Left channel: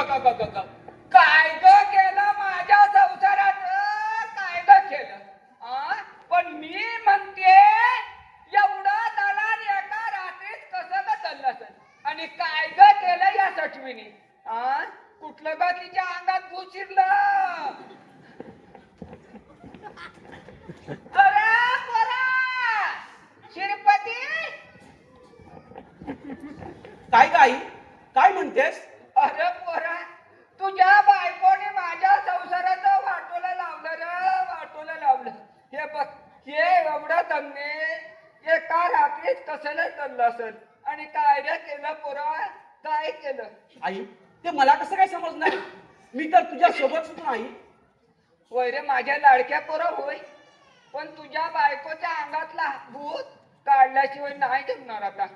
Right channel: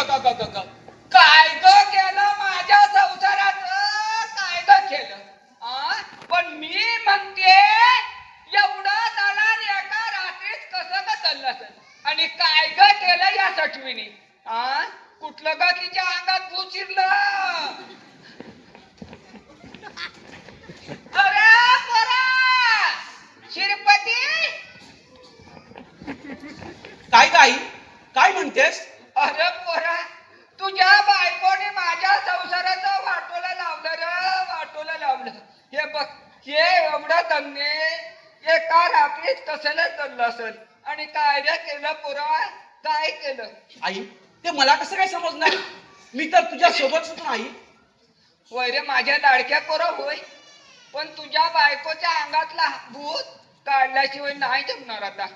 काय ग केलं माझ्या संसारात, काय ग केलं? पण मी म्हणते एवढं दलाल एका रात्रीत कसं ग चाललं असेल? आणि काय ग केलं या सटवीने? कुठलं ग तिच्या अंगात भूत शिरलं? अरे पोरा शिरपती, काय गाई काय म्हणतेस? अरे पोरा तुझ्या बायकोने माझ्या संसाराचं वाटोला लावलं रे, वाटोला लावलं. हे बघ, हे एवढं धन्य एका रात्रीत कसलं चाललं असेल? आणि काय रे केलं पोरा, काय केलं? आई ते मला कसं काय समजणार? मी तर तुझ्या सोबत होतो आई. होय रे माझ्या लाडक्या पोरा होय, पण तुझ्या बायकोच्या अंगातला भूत काढल्याशिवाय नाही जमणार आता.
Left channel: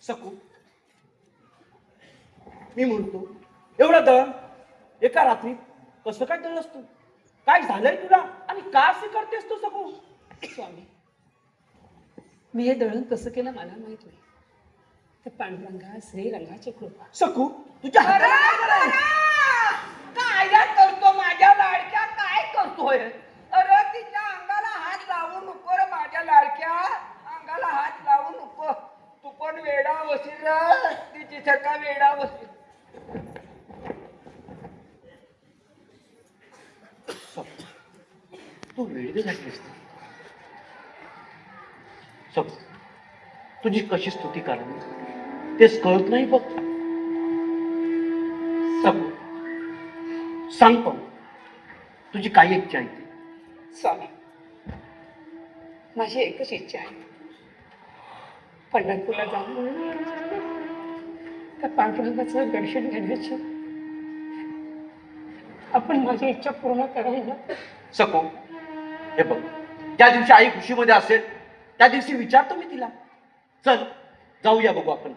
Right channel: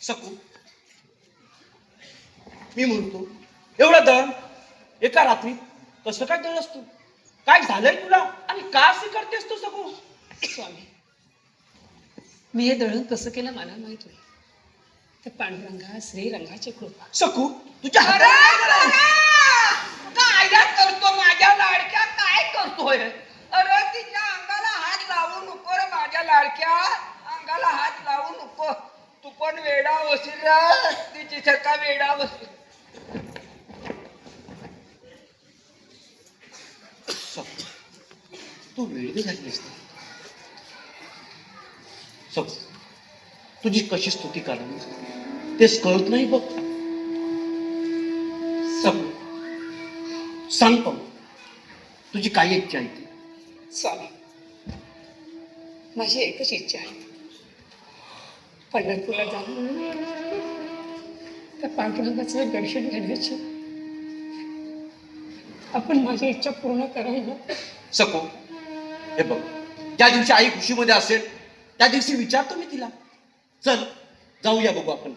सकू मी म्हणतो एवढं दळण एका रात्री कसं काय दळस तू? काय झालंय तुला आणि का असं करतेस तू सकू? स्वामी, मी हे दळण कसं केलं मला माहित होईल. ते पांडुरंगा श्रीरंगाची कृपा. सकू तुझ्या अरे हातात काय रे करतो माझ्या लाडक्या, काय करतोय? अरे तिच्या अंगाला हात लावू नको रे माझ्या लाडक्या, अंगाला हात लावू नको. तू पण वेडा वसील रे, तिची सारखा वेडा वसील. तू वेळी झालीस. सकू तुझी कशी स्तुती करावी तेच कळत नाही बघ. सकू सांग पण तुझी काय इच्छा आहे ती? स्वामी, माझी एकच इच्छा आहे, पंढरपूरला जाऊन त्या पांडुरंगाचं दर्शन घेण्याची. आपण माझी इच्छा पूर्ण करायला. सकू हे बघ, ज्या दिवशी आई खुशीमध्ये असेल त्या दिवशी विचारतो मी तिला. चल जाऊया बघू आपण.